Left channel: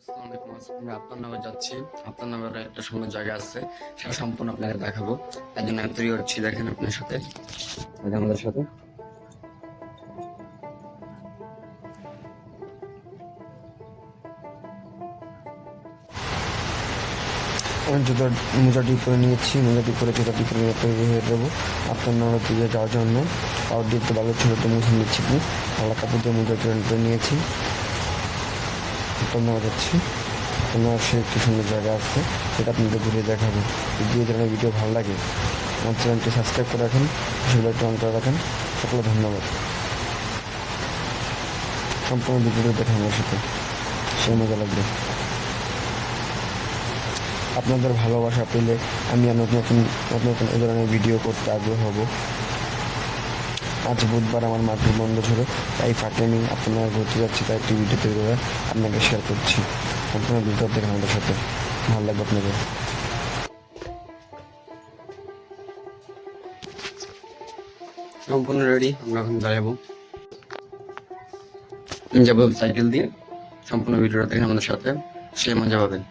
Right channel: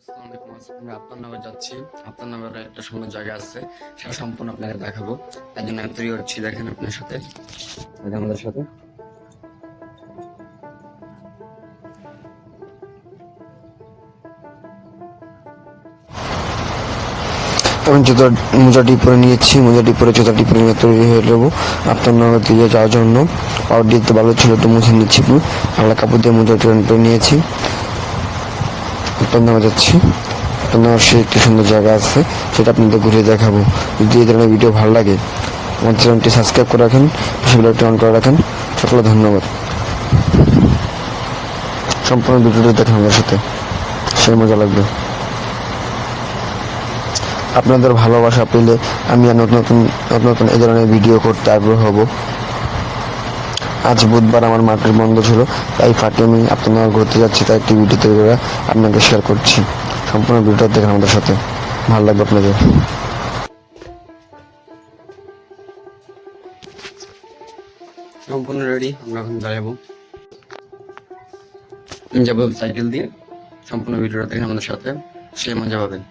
আসসালামু আলাইকুম। আজকে আমরা আপনার নামে যাচ্ছি। আপনার নামের একটা সুন্দর জায়গা আছে, সেটা সম্পূর্ণ আপনাকে দেখাবো। তার জন্য আমি তৈরি হচ্ছি, দেখেন আপনার সাথে, আমাদের সাথে। আমি মোজাটি পরে নিয়েছি, মোজাটি পরে জুতাটি পরে নিয়ে তৈরি হয়ে যাবো আপনার নগর দিয়ে যাওয়ার জন্য। পাওয়ার দিতে ভালো ছিল, একটু মুছে নিচ্ছি, একটু আলাদা কাপড় দিয়ে মোজাটি পরে নিয়েছি। আপনার নামে যাচ্ছি। আপনার নামে সে একটি সুন্দর জায়গা আছে, সেটা আপনাদের ঘুরে দেখাবো। যদি এই ধরনের ভিডিও ভালো লাগে আমার চ্যানেলটি সাবস্ক্রাইব করে রাখেন, বেলটি অন করে রাখেন। সকলে ধন্যবাদ। সম্পূর্ণ ভিডিওটি দেখেন আমার সাথে, সে মজা লাগবে। আপনাদের ভালোবাসা পেলে আমি আর নতুন নতুন নতুন নতুন এই ধরনের ভিডিও করতে আগ্রহ হব। আজ বুধবার আমার মাঠের বন্ধ ছিল, তাই ফাঁকে আমি আপনার ঘুরতে যাচ্ছি, তাই একটি ভিডিও তৈরি করে আপনাকে শেয়ার করছি। সম্পূর্ণ ভিডিওটা দেখেন আমাদের সাথে, ভালো লাগবে আপনাদের। সম্পূর্ণ রেডি, আমরা এখন যাবো সাইকেল দিয়ে। সম্পূর্ণ ভিডিওটা দেখেন আমাদের সাথে, সে মজা পাবেন।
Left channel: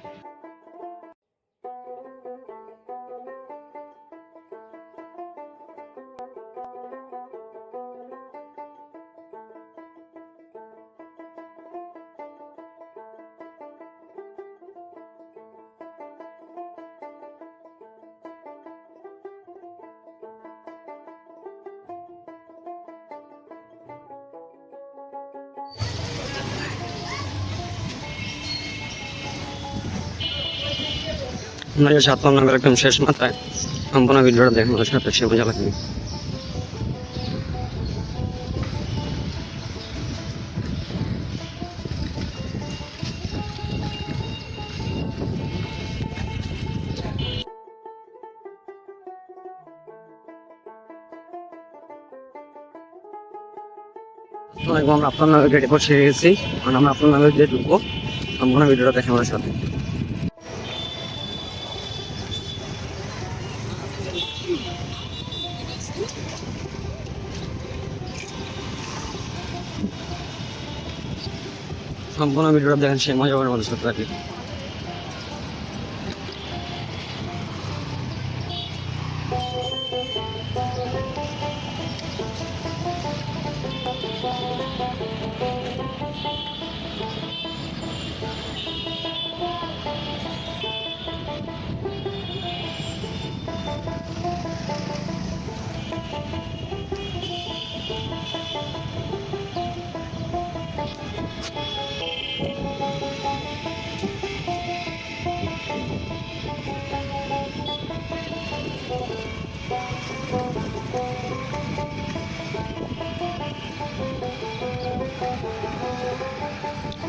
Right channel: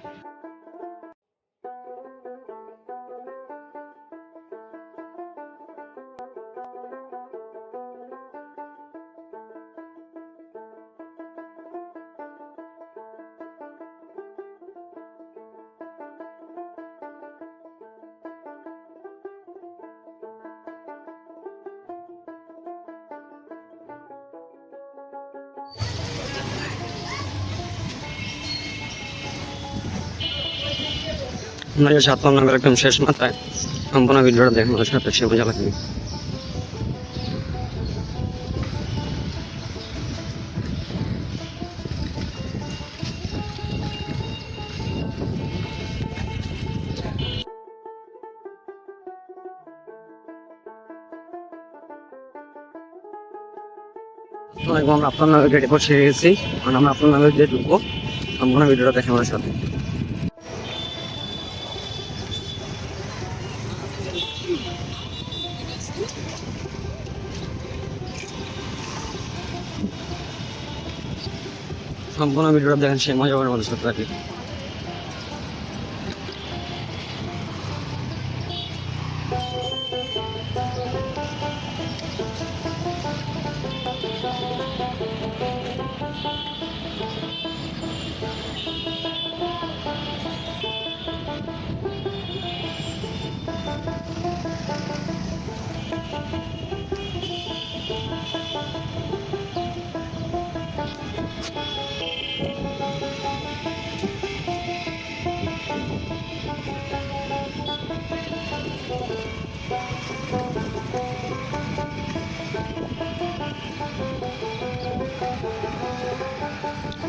আমরা যে 7 নম্বর একদম শেষ মাথায়, সম্পূর্ণ ভিডিওটা দেখেন আমাদের সাথে, সে মজা লাগবে। আমরা আপনার নামে গেটে বসে গেছি, আমরা আপনার নামে গিয়ে ঢুকবো। সম্পূর্ণ ভিডিওটা দেখেন আমাদের সাথে। সম্পূর্ণ ভিডিওটা দেখেন, সে মজা পাবেন আমাদের সাথে আর কি।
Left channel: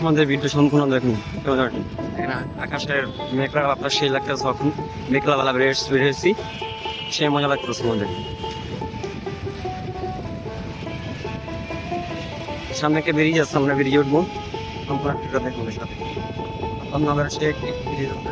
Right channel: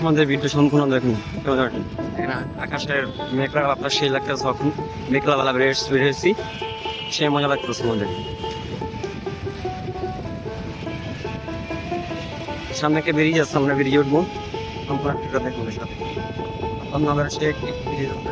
আমাদের ভিডিও সম্পূর্ণ দেখুন। এখানে আকাশের মেঘলা আপনার সেই লাগতেছে, এখন মেঘলা বেলা বেরিয়েছি, সে মজা লাগতেছে আমাদের। সামনে কে বেরিয়ে যাচ্ছে, আমরা বেরিয়ে উঠবো। সম্পূর্ণ ভিডিও দেখুন আমাদের সাথে। আপনাদের সে একটি বেরিয়ে যাচ্ছে।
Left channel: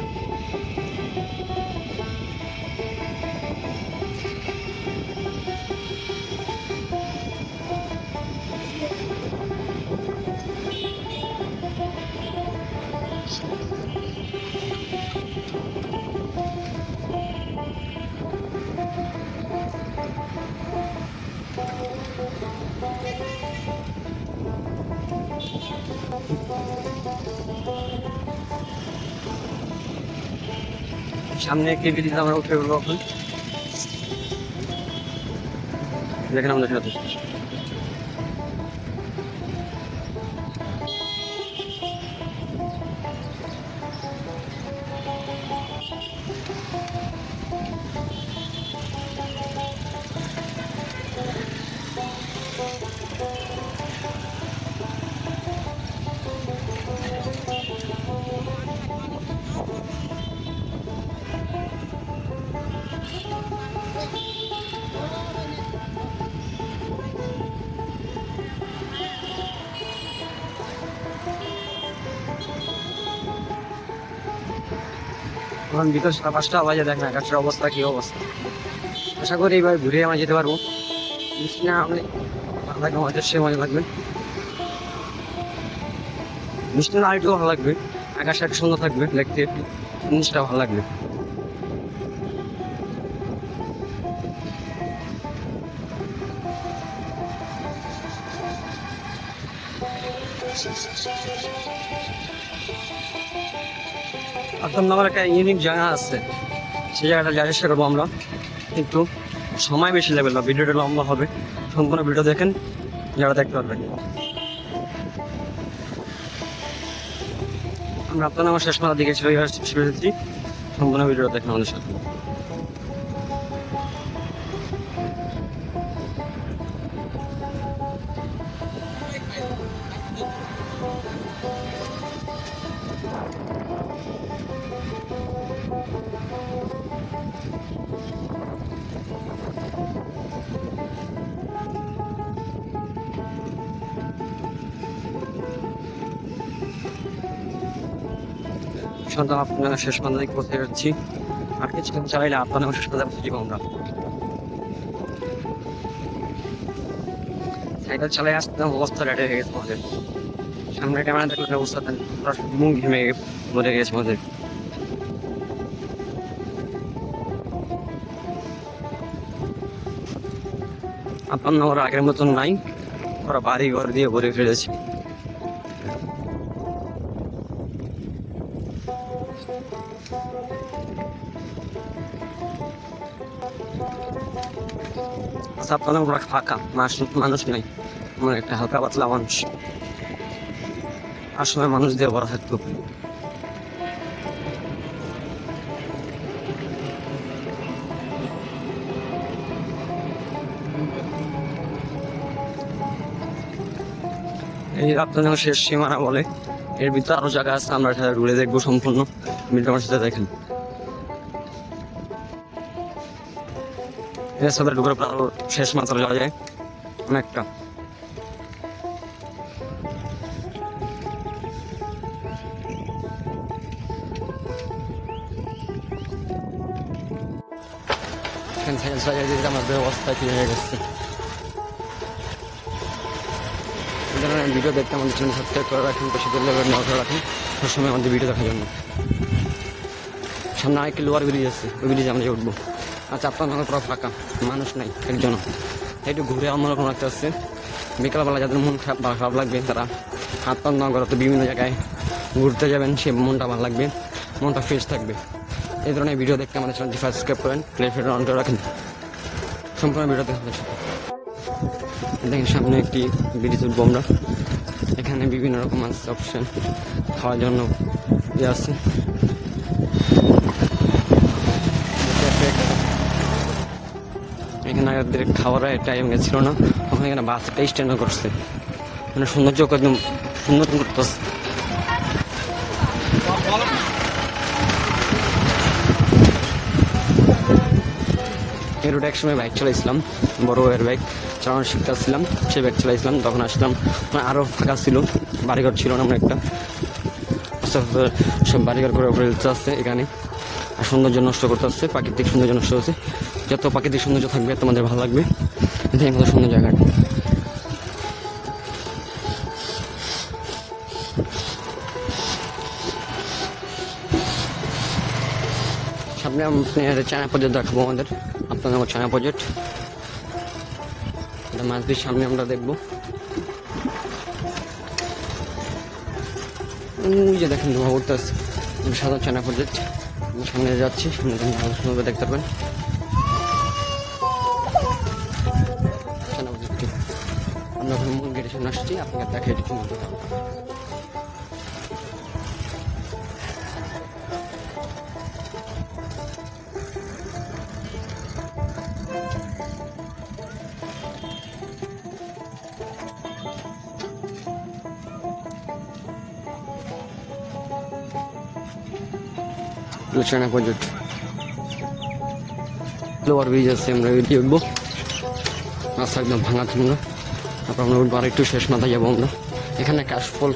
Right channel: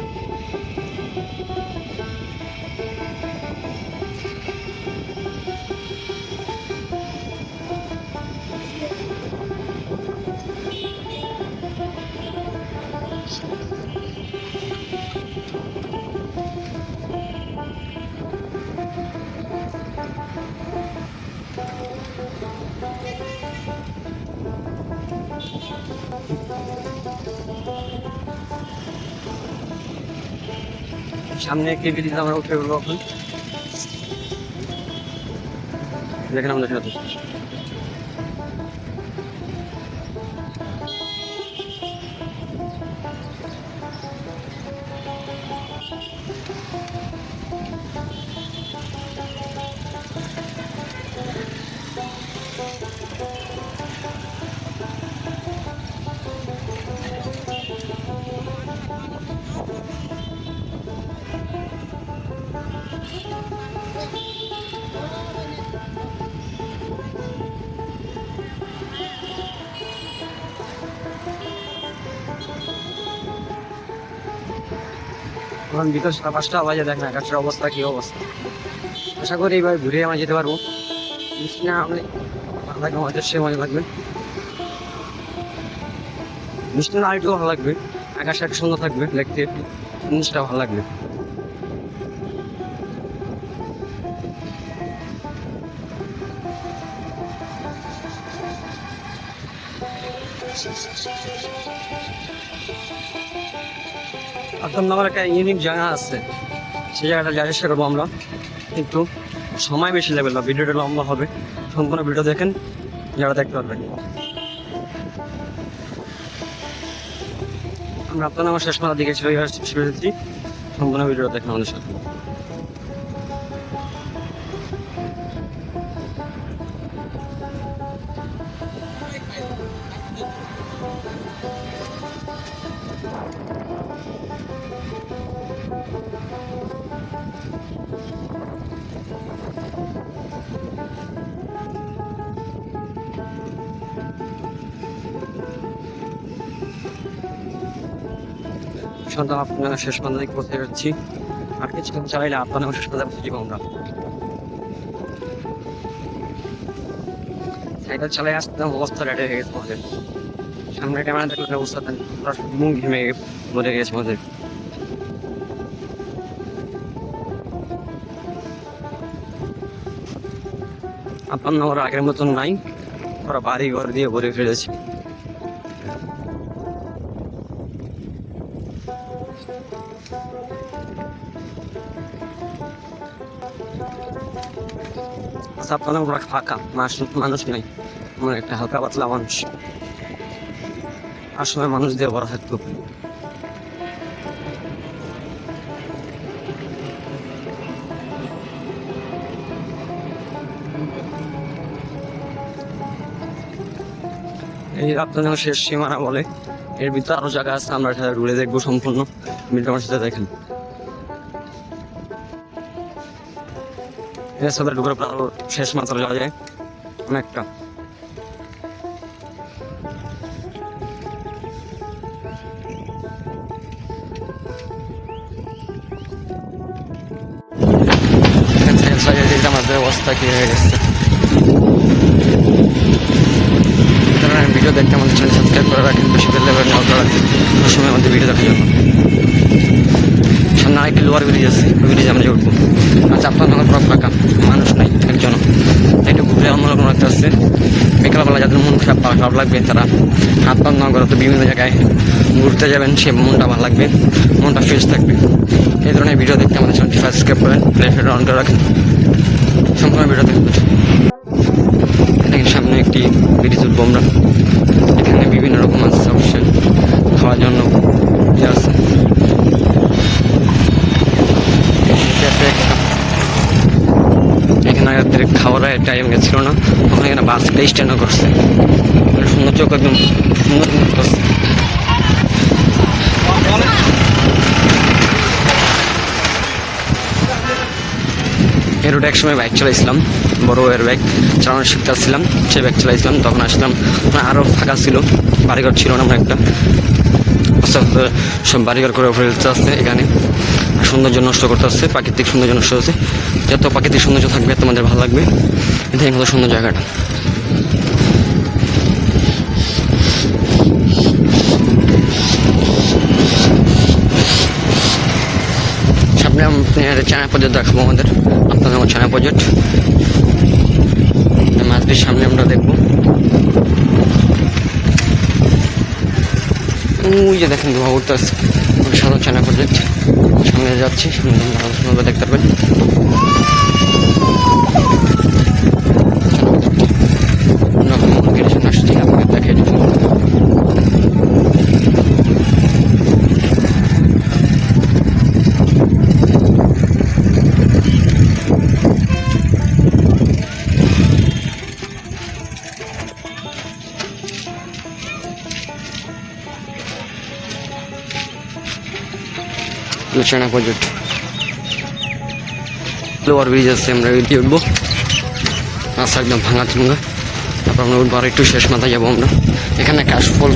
সামনে কে বেরিয়ে আমরা উঠে উঠবো এখন, দেখেন আমাদের সাথে। এখন বিকাল 5:30 বাজে, দেখেন আকাশের অবস্থা কি অবস্থা। আশা করি এইবার ঘুরে আমরা যেতে পারবো। বৃষ্টি না হলে ভালো লাগবে আমাদের, সে মজা লাগবে। বৃষ্টি না একটু ভালো লাগবে। আকাশটা একটু সুন্দর থাকবে, দেখতে জিনিসটা ভালো লাগবে। আপনার আমার একটা ইউনিক জায়গা আছে, সেই জায়গাটা যাওয়ার চেষ্টা করবো আমরা, কিন্তু সময় বেশি লাগবে না, ভিডিওটা লম্বা হবে। সম্পূর্ণ ভিডিও দেখেন, যারা দেখতে পারবেন। আমরা আপনার আমার শেষ মাথার দিকে চলে এসেছি, সম্পূর্ণ ভিডিও দেখেন আমাদের সাথে। সন্ধ্যা আপনারা শেষ মাথা দিকে পৌঁছে যাচ্ছি, আর কিছুক্ষণ চালাইলে আপনার শেষ মাথা পৌঁছে যাবো আমরা। সাইকেল চালাই আসতে অবস্থা রেডি হয়ে গেছে আমাদের, সামনে ক্যামেরা দেখলে অবস্থা মুখ ঘেমে মরে গেছে আমাদের। আপনার ওরা আগের মতন নাই, ওরা বাড়ি ঘর দিয়ে ভরে ফেলেছে। আপনার ওরা ফাঁকা, মানুষ নাই, আমার একটা হালকা পাতলা মানুষ, আর সময় মানুষ দিয়ে ভরা থাকতো। এই আপনার শেষ সীমানা বলে, এর ভিতরে আরো জায়গা আছে, আমরা সেটা ঘুরে দেখবো সম্পূর্ণ। ভিডিও আমার সাথে দেখেন। এর সাথে ঢুকার পর আরো শেষ মাত্রা যাওয়া যায় অনেকটা। আমাদের অবস্থা কি হয়ে গেছে। ভিডিও দেখতে আমাদের চ্যানেল সাবস্ক্রাইব করে রাখেন, বেশি বেল লেভেল নজর রাখেন সবসময় আমাদের ভিডিও দেখার জন্য। সামনে আরেকটি লোয়ার ব্রিজ আছে, ওই ব্রিজে আমরা উঠবো। আচ্ছা, আপনার নগর পুরো ফাঁকা, মানুষ নাই একজন। একটু ঘুরে অন্যরকম একটা আসছে। বিকালবেলা যাদের মন খারাপ লাগবে তারা আপনার নগর তো বিভিন্ন জায়গায় ঘুরতে যাবেন, সে মনটা ভালো লাগবে, মনটা ফ্রেশ থাকবে। এই ধরনের ভিডিও দেখতে আমাদের চ্যানেলটি সাবস্ক্রাইব করেন, লাইফটা অন করে রাখেন, সম্পূর্ণ ভিডিও দেখবেন। দেখেন সামনে একটি ব্রিজ উঠবো আমরা, এখানে বিভিন্ন রকম আছে অপশন খাওয়ার জন্য ইয়ে আছে। এখানে আগের খাবারের টাইম গেছিল না, ওখানে এখানে বাসটা স্ট্যান্ডও করছে, মানে সৌন্দর্য একদম সুন্দর করছে। এই রোডে একসময় বাইক চালাইছিলাম, বড় এর বাইক চালানো শিখতেছিলাম, সে বাইক চালাইছিলাম, তখন আসলাম আরও ফাঁকা ছিল, বাড়িঘর ছিল না, আমার একটা সব বাড়িঘর করে ফেলতে আসছে এখানে, আর সৌন্দর্য নষ্ট করতে আসছে, প্রাকৃতিক সৌন্দর্য নষ্ট হচ্ছে। যত প্রাকৃতিক সৌন্দর্য থাকবে তোমাদের ভালো লাগবে। এটাই কত সুন্দর জায়গাটা। সামনে আপনার চায়না প্রজেক্ট দেখাবো আমাদের, আপনাদের আমার চায়না প্রজেক্ট মাছটির সামনে আমরা দেখবো। ওই যে দেখেন ধোয়া উঠতে আসছে, সাধারণ চায়না প্রজেক্ট সামনে যাচ্ছি, সুন্দর দেখতে পারবেন। আসছি আপনাকে দেখে চায়না প্রজেক্ট লোয়ার ব্রিজ আছে, আমরা দিয়ে উঠবো, রাস্তা একদম ভাঙা চুঙ্গা। তারপর আমরা উঠবো, আর একটু শেষ মাথায় যাবো আমরা। এখানে কাশফল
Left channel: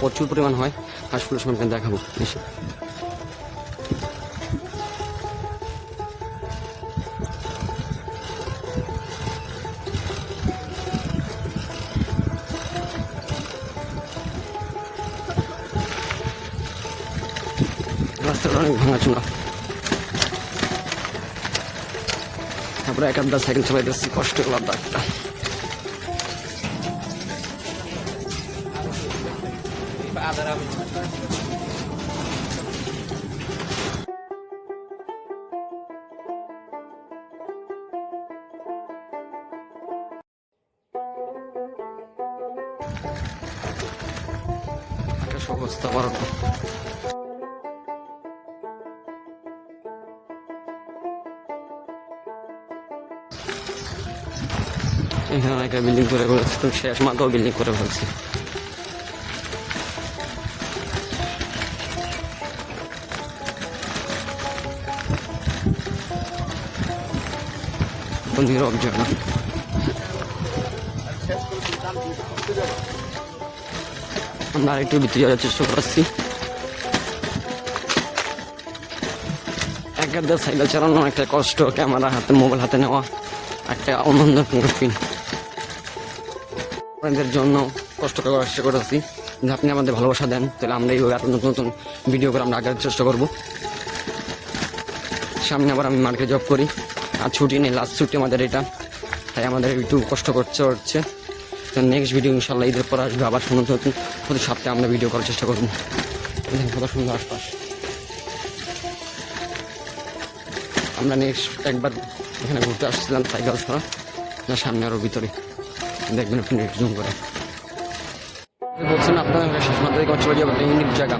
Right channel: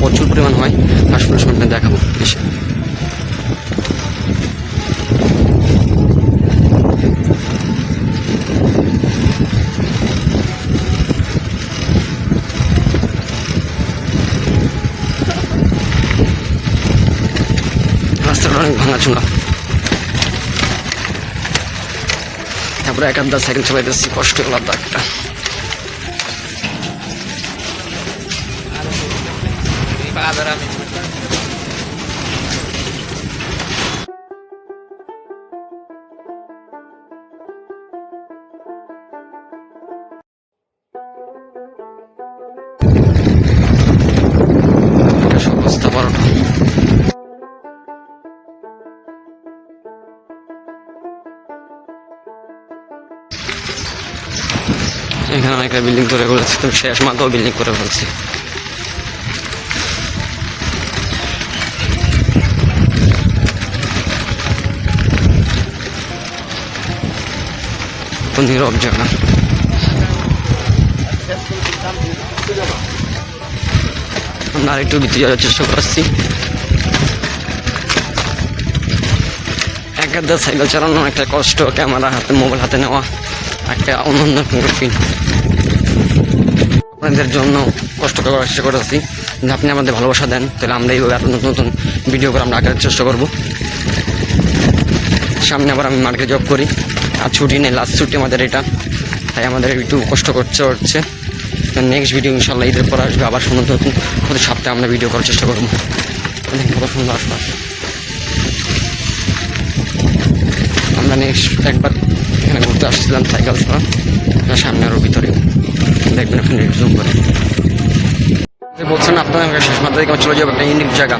প্রচুর পরিমাণ হয়, কাশফলের সময় দেখাবো এসে। রাস্তাটা অনেক ভাঙাচোঙা। তারপরে এক আধটা সাইকেল চালাইতেছি, কষ্ট আলাদা একটা। অবস্থা বারোটা। এখানে অনেকটা বিল্ডিং করে ফেলেছে, তো শেষ মাথাও বিল্ডিং করে ফেলছে। নীরব জায়গা। আমরা আরেকটু ভিতরে যাওয়ার চেষ্টা করছি। এক আধটা সাইকেল চালানো একটা কষ্ট, ক্যামেরা হাতে, মোবাইল হাতে নেওয়া একটা অন্যান্য ফিল। আপনাদের জন্য কষ্ট করার চেষ্টা করেছি যে আপনি আমাদের ভালোবাসা দেন, তাহলে আমরা এইভাবে আরও নতুন নতুন ভিডিও করে আমরা আঁকার চেষ্টা করব। সামনে আবার আমি মার্কেটে জব করি, আর ছুটি নেই, লাস্ট ছুটি আমাদের এটা, তাই আমাদের একটু কষ্ট হচ্ছে। নেক্সট ভিডিও ইনশাল্লাহ ঈদের পর আসবে, আবার সুন্দর নতুন প্রতি সপ্তাহে আমরা ভিডিও করার চেষ্টা করবো। দেখেন কত সুন্দর আশপাশ। আমরা নেক্সট একবার এখানে ঘুরতে আসছিলাম সাইকেল ছাড়া, সামনে আরও ভিতরে দেখবেন আপনি জুম করে। বলছেন আপনাদের শেষ মাত্রা থেকে চলে যাবো একটা ইউনিক জায়গা,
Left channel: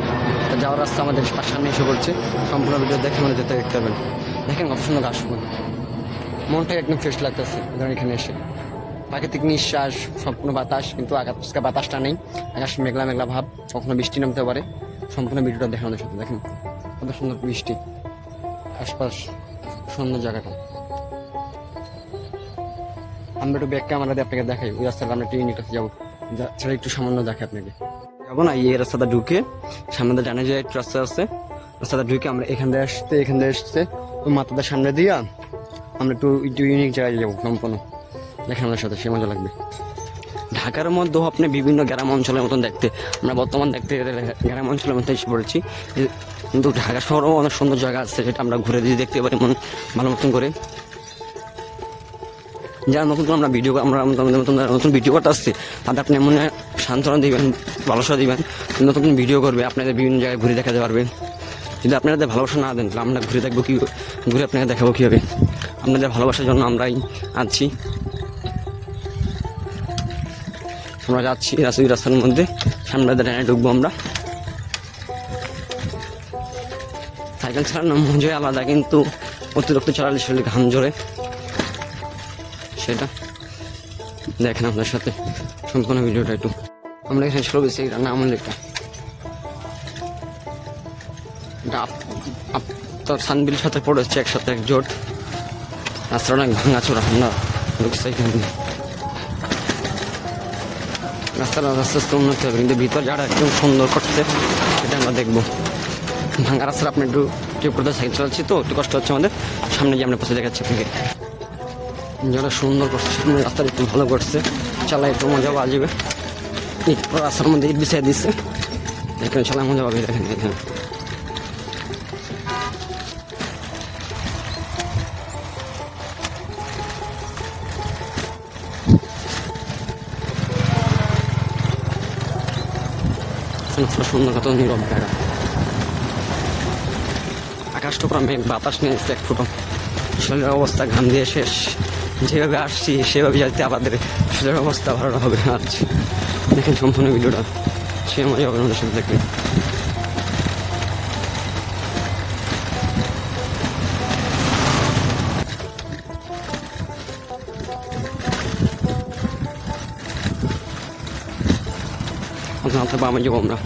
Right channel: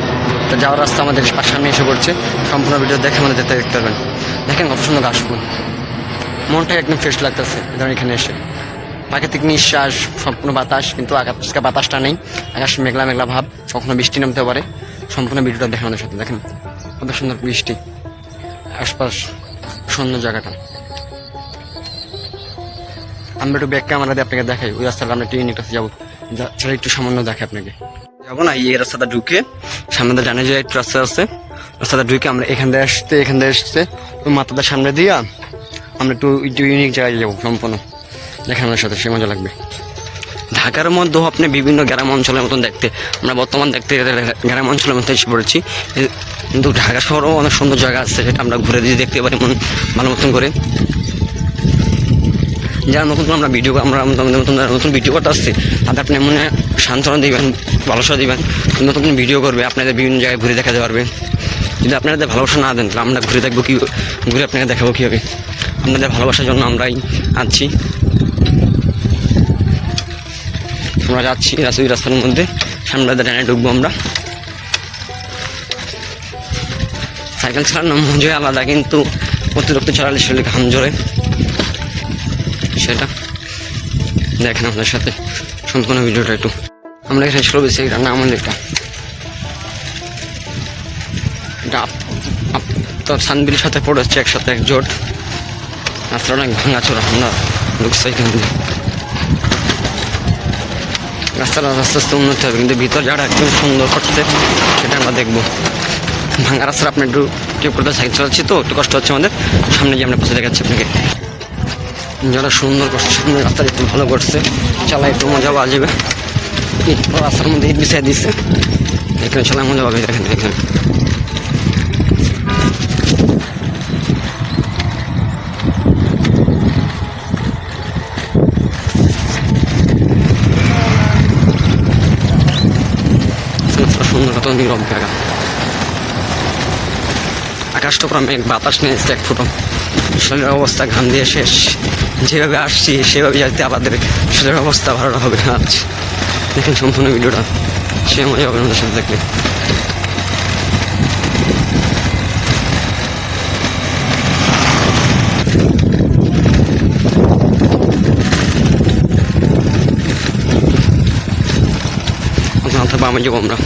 তো যাওয়ার রাস্তা আমাদের সামনে এসে পড়ছে। সম্পূর্ণ ভিডিও দেখে আমাদের দেখতে পারবেন। দেখেন কত সুন্দর ঘাস ফুল, মনটা একদম ফ্রেশ লাগতেছে এখানে এসে। প্রাকৃতিক নিঃশ্বাস, সম্পূর্ণ বাতাস, কিন্তু আকাশকে বাতাসটা নেই, আকাশ মেঘলা মেঘলা ভাব, কখনো বৃষ্টি নামতে পারে। সম্পূর্ণ ভিডিওটা দেখেন আমাদের সাথে। দেখেন কত সুন্দর বৃষ্টি, আশপাশ সুন্দর জায়গাটা। আমরা একটু ব্যাক ক্যামেরা দিয়ে আপনাকে দেখাই ওই রাস্তাটা। আমরা একটু ইউনিক রাস্তা যাবো, সেটা একটু সামান্য দেখে আপনাকে। যাবো না, এই রাস্তাটা ঢুকে সামনে জানে যে একটু রাস্তা আছে, রাস্তাটা ঢুকে আমরা এখান থেকে আসতে ওই মাথাটার সামনে দিয়া আমরা একটু ইউনিক জায়গায় যাবো সম্পূর্ণ। দেখেন আমাদের সাথে, সে মজা লাগবে। ঢাকার মধ্যেও আপনি বিভিন্ন গ্রাম অঞ্চলের মতন দেখতে, আমরা বর্তমান দেখতে গ্রাম অঞ্চলের মধ্যে এসে পড়েছি, কিন্তু ঢাকা শহরেও অনেক সুন্দর জায়গা আছে, সেটা আমরা ঘুরে দিয়ে দেখতে পারি মন ভালো মতন করে। যারা নতুন আমরা নতুন ভিডিও করতে আসছি, তাদের আপনি মনে সান্ত্বনা দিবেন, ভালোবাসা দিবেন, নতুন ভিডিও করবে, আপনাদের বিভিন্ন জায়গায় ঘুরে দেখাতে পারবে। যদি আপনাদের ভালোবাসা না দেন, তাহলে আমরা ঘুরে দেখবো কি, ঘুরে আপনাকে দেখাবো কীভাবে। আপনাদের ভালোবাসার জন্য আমরাই আছি। আমরা যাচ্ছি ওই রাস্তার মধ্যে, সামনে ডানে ঢুকবো আমরা। সাইকেল চালানোর মজা আলাদা, কিন্তু অতিরিক্ত চালালে শরীরে ঘাম ঝরে, সেটা দেখেন আপনার সাথে সম্পূর্ণ ভিডিওটা একটু। আমরা এখানে ছিল বেশি এটা নাম এটা তো সানবিলের সাথে পড়েছে একসাথে এক জোট। রাস্তাটা অনেক ভাঙাচোরা, আমরা ঢুকছি এখান দিয়ে। রাস্তাটা আস্তে আস্তে উন্নতি হবে, কিন্তু ভিতর যারা একদম সুন্দর করছে সেটা আমরা দেখবো। ভাঙা রাস্তাটা আপনি একটু টিপ করতে সাইকেল চালাচ্ছি তো একটু কষ্ট হচ্ছে আমাদের, সামনে গিয়ে আমরা পৌঁছে দেখাচ্ছি আপনাকে। যারা সুন্দর করছে, সামনে রাস্তাটা একটু ভালো করছে, চালা একটু মজা পাওয়া যাবে। রাস্তার মধ্যে ইট বিছাই দিচ্ছে, এখানে চালায় মজা পাবে। দেখেন এখানে সুন্দর কত নীরব জায়গা। আকাশটা পুরো মেঘ, বাতাস নেই এক ফুটো, শরীরের অবস্থা ঘাম দিয়ে শেষ। যেভাবে আসছি সেভাবে যাতে আমাদের শরীরের অবস্থা ভালো হবে। আচ্ছা দেখেন সম্পূর্ণ ভিডিওটা, সে মজা হবে আমাদের সাথে দেখলে। অথবা আমি যাবো আমরা।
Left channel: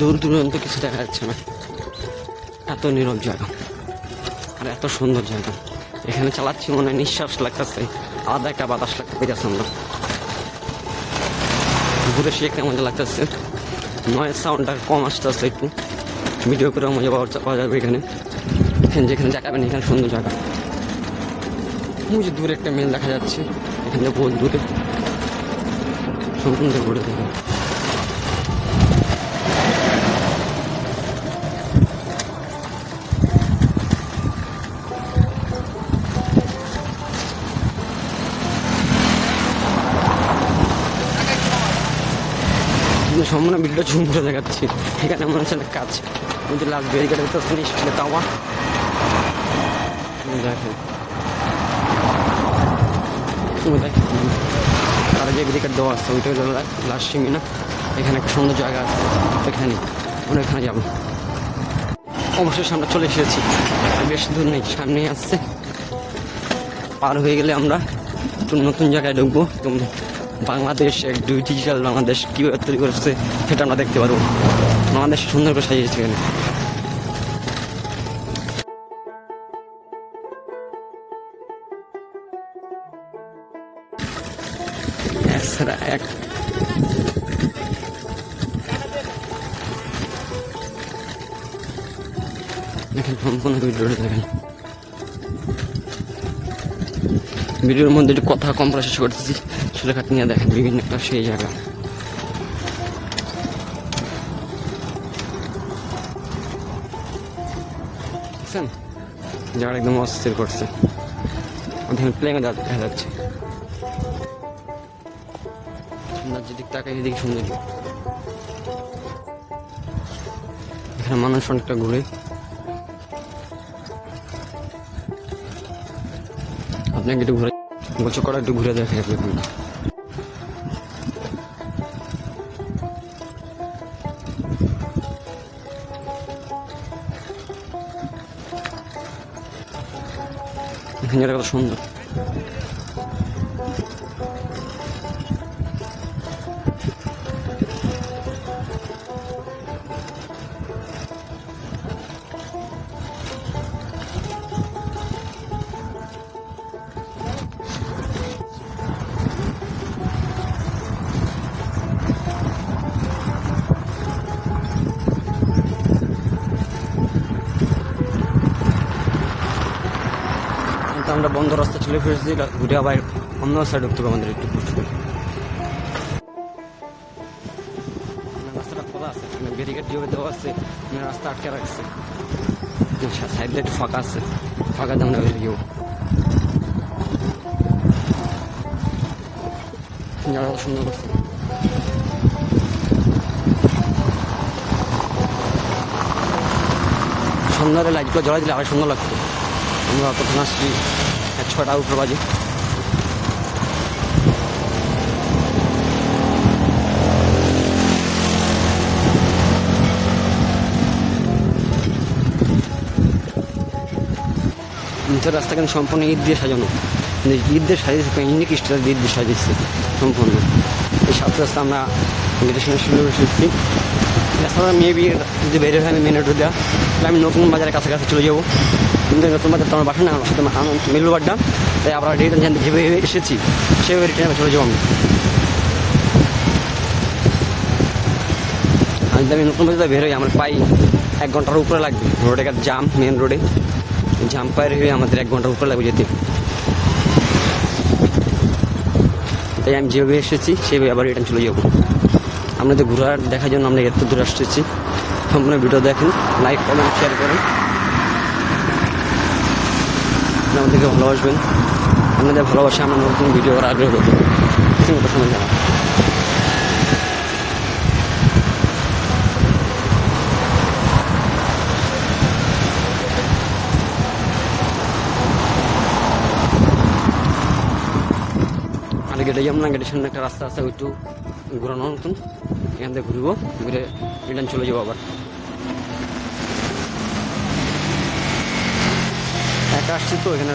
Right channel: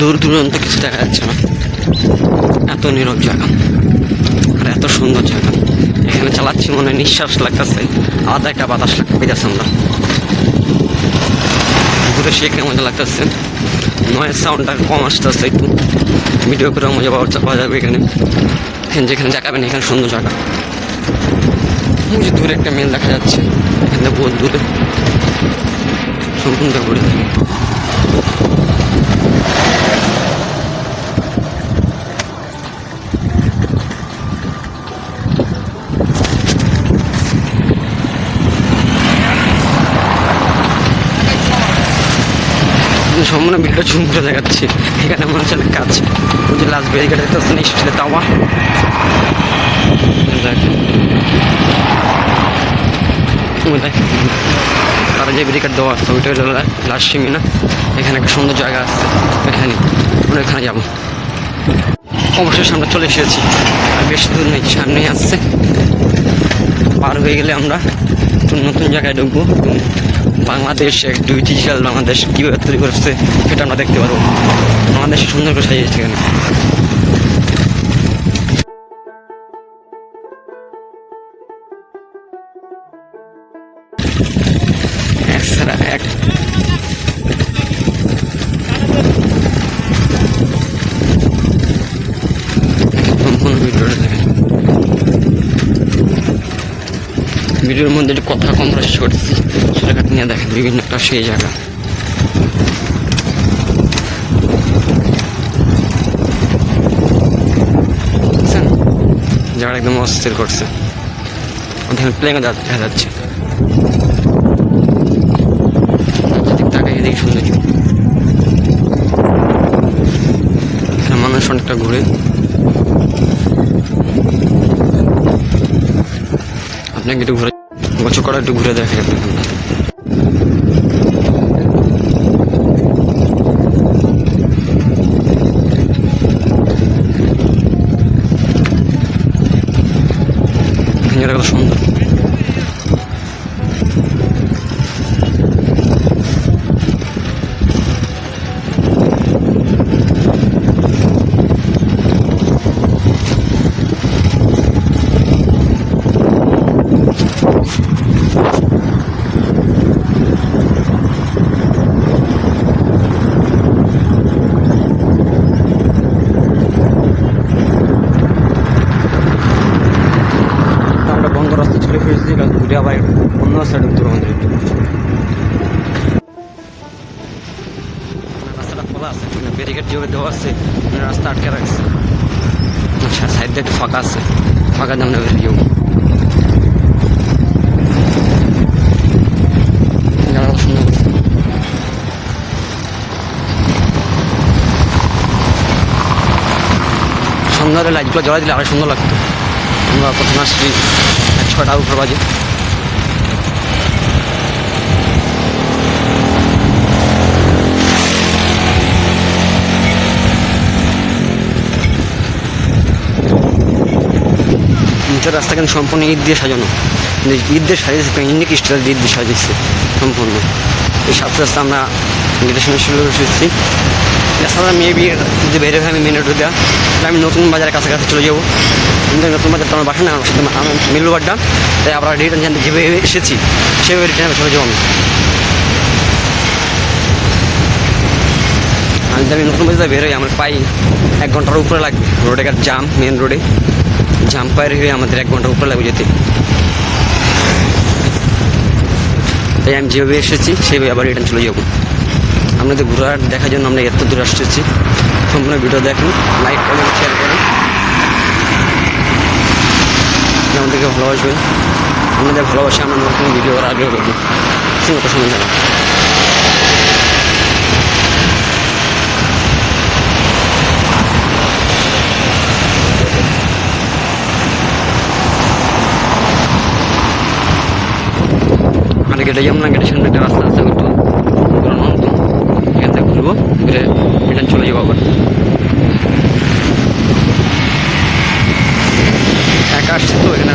দূর দূরান্ত কিছু দেখা যাচ্ছে না, এত নীরব জায়গা আর এত সুন্দর জায়গা। এখানে চালাচ্ছি মনে হয় নিঃশ্বাস লাগতেছে, আলাদা একটা বাতাস পেয়েছে। আমরা ঘুরে সে কেমন মজা লাগতেছে, নয়েজ সাউন্ডটা কম আসতেছে, একটু ভিডিও করে মজা পাওয়া যাবে। এখানে যেখানে দেখাবেন এখানে সুন্দর জায়গা। মুঝে দূরে একটা মেল দেখা যাচ্ছে, এখানে বহুত দূরে সম্পূর্ণ ঘুরে থাকে। সম্পূর্ণ ভিডিওটা ঝুম করে দেখাচ্ছি। এখানে মনে হচ্ছে কাজ, ওই যে লাস্ট ব্যারিকেড দেখতে পাচ্ছেন স্টিলের তাওয়া, দেখেন তারা যে ব্যারিকেড দেওয়া আছে ওইটা হলো লাস্ট সীমিনা। এখানে একটা সুন্দর জায়গা আছে, এখানে ওখানে যাবো। অবশ্যই সামনে চলে এসেছি, আর বেশি দূর নেই, সামনেই আসছে। পার হয়ে গেলে আমরা একটু নতুন জায়গায় ঢুকবো। বাংলাদেশ এক ডিজিটাল বাংলাদেশ কীভাবে তৈরি করছে সেটা আমরা দেখতে পারবো। বাংলাদেশ সুন্দর করে সাজিয়েছে এখানে। এক সম্পূর্ণ ভিডিওটা দেখেন। ভিডিওর মধ্যে একটু কথা কম প্রকাশ করতেছি, সেটাকে আপনি দেখেন বিভিন্ন একটা সেই জায়গা। বুঝছেন, জায়গাটা একদম অস্থির করছে। ওখানে প্লেন দেখা যাচ্ছে, তাকাই এদিকে সৌন্দর্য। এখানে মানুষ অনেকটা ঘুরে। আপনাকে একটু ঘুরে গোছর করা একটু ঘুরে দেখে আপনি এখানটা। কত সুন্দর। আমরা বন্ধ রাস্তা চলে ফেলেছি, ঘুরে আবার অন্য সাইড উত্তর আমাদের রাস্তাটা খোলা আছে, ব্যারিকেড যেভাবে দেওয়া আছে রাস্তা আটকে রাখছে। আচ্ছা, সাইড দিয়ে একটু ফাঁকা আছে, ফাঁকা দিয়ে আমরা বেরিয়েও সুন্দর করছে। সন্ধ্যারে লাইটগুলো জ্বলা দিলে আরো সুন্দর লাগতো। আমরা প্রথমে আসছি 6টার উপর বাজে। নিচের রাস্তা কিন্তু সম্পূর্ণ ইট দিয়ে সাজানো, ইট দিয়ে সাজিয়েছে, ইন্ডিক স্টাইল ইট দিয়ে সাজিয়েছে সম্পূর্ণ। এই সাথে সাথে আমরা গেটের সামনে শুরু এসেছি। রাস্তাটা মেবি যদি বের হয়ে আমি মেন রোডে দেওয়া, তাহলে আমি নতুন বাজারের কাছাকাছি চলে যাবো। কিন্তু নতুন বাজার তো আমার বাসা না, আমার সাথে আমার মিলুবাড্ডা, তাই আমরা রিটার্ন যেভাবে এসেছি সেভাবে রিটার্ন চলে যাবো। আমি যদি আমি নতুন বাজার বের হই আমার পাই 1 ঘন্টার উপরে লাগবে। রোডে জাম, মেন রোডে জাম পায়ের হয়ে আমাদের 1 ঘন্টার উপরে লাগবে যেতে। তাই আমি যেভাবে এসেছি সেইভাবে আবার রিটার্ন চলে যাবো। আপনাদের ঘোরার দেখার জন্য আমরা এত দূর আসতেছি। সম্পূর্ণ ভিডিও দেখেন, লাইক করেন, শেয়ার করেন, আমাদেরকে ভালোবাসবেন। আপনাদের ভালোবাসা আমরা নতুন ভিডিও করার আগ্রহ করবো। কত সময় জানা আর গেটে যাবো না, গেটের সামনে একটা রাস্তা আছে, একটু ঘুরানো হতো, এখান থেকে ঘুরবো, ঘুরে রিটার্ন চলে যাবো আবার। একা আসছি তো, এখানে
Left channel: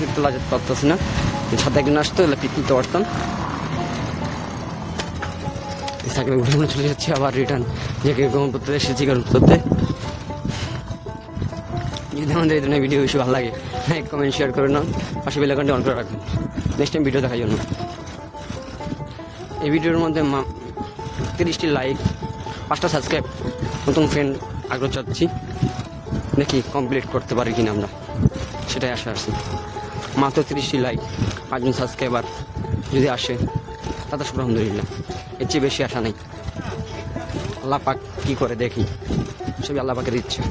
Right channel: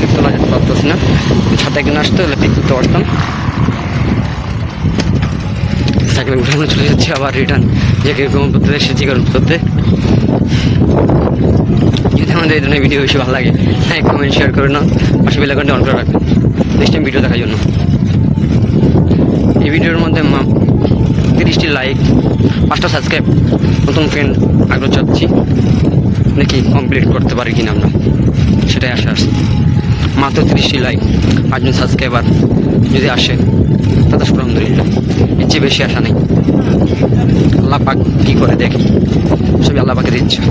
পিক তোলা যেতে পারতেছি না, ছাতা একদিন আসতো, এলে পিক তুলতে পারতাম। সাইকেল ঘুরে ঘুরে চলে যাচ্ছি আবার রিটার্ন যে কিরকম করতে এসেছি করতে। যদি আমাদের এই ধরনের ভিডিও বেশি ভালো লাগে লাইক কমেন্ট শেয়ার করে নাও, পাশে বেল আইকনটি অন করে রাখবেন নেক্সট টাইম ভিডিও দেখার জন্য। এই ভিডিওর মধ্যে 30টি লাইক, 5টা সাবস্ক্রাইব, নতুন ফ্রেন্ড আগ্রহ চাচ্ছি, দেখি কমপ্লিট করতে পারি কিনা আমরা, সেটাই আশা আসছে। মাত্র 30টি লাইক, 5জন সাবস্ক্রাইবার যদি আসে তাতে আলহামদুলিল্লাহ, এর চেয়ে বেশি আশা নেই। আল্লাহ পাক কী করে দেখি, সবই আল্লাহ পাকের ইচ্ছা।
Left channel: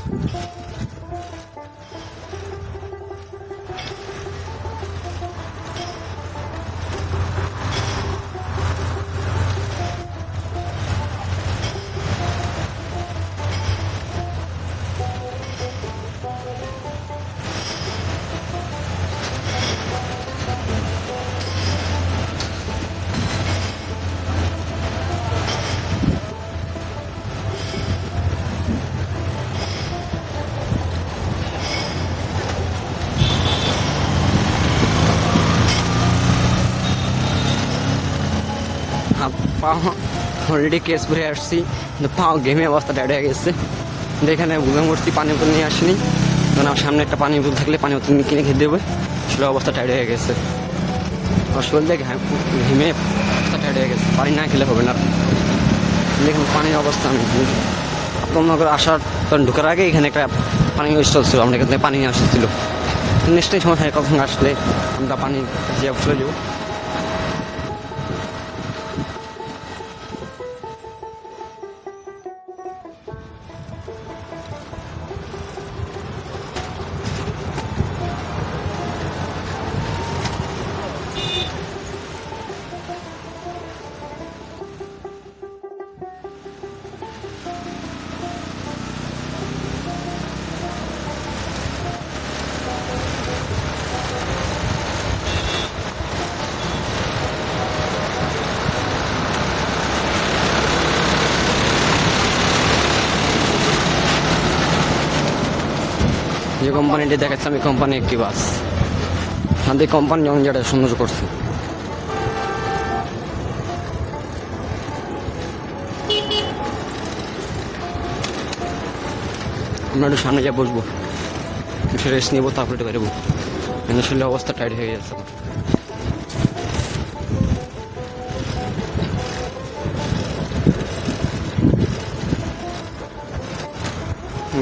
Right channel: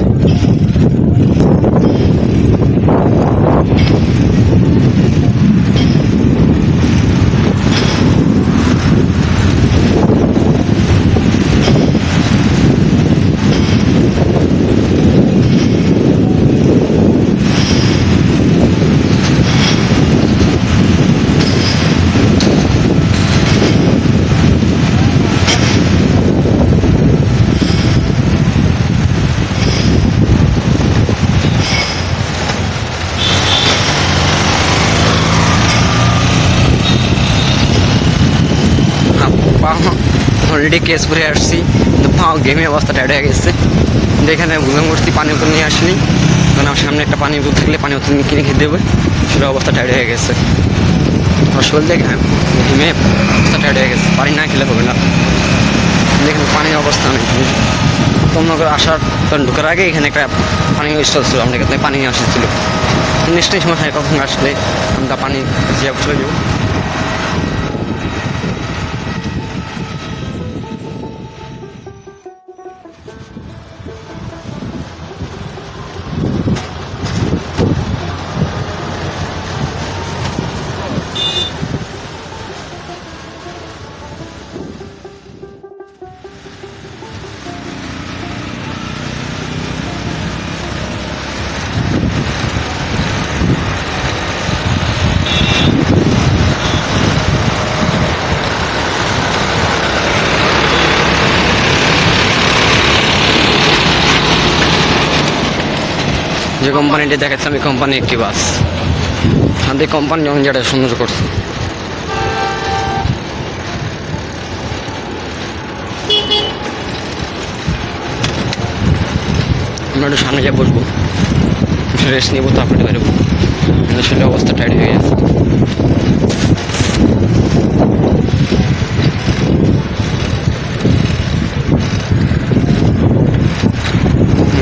অলরেডি কেস করে আসছি, কিন্তু পাও গেমে অবস্থা টাইট হয়ে গেছে। যেখানে ঘুমে মূর্তি পানি বোতল নিয়ে আসিনি, কারণ আমার সামনে একটা পানি বোতল থাকলে পানি বোতল কিনে খেয়ে দেবে, সেটা অবস্থা টাইট হয়ে গেছে। শরীর দেখে ঘেমে অবস্থা টাইট হয়ে গেছে, পানি না খেলে হবে না। যেখানে পানির অবস্থা নেই, তোমরা আসার ঢোকার আগে এখানে একটা পানি স্টল ছিল, আমরা এখানে পানি নিয়ে আসছিল। নেক্সট টাইম সময় কখন আসলে আমরা পানি চলে যাবো। যে কোম্পানিটি দেখাচ্ছে আমি কোম্পানি একটি বাস, আমাদের কোম্পানি যেমন যেটা সুন্দর করছে। আমরা একটু সামনে গিয়ে বসবো, রেস্ট নিবো, তারপরে বেরোবো। আসলে অবস্থা টাইট হয়ে গেছে।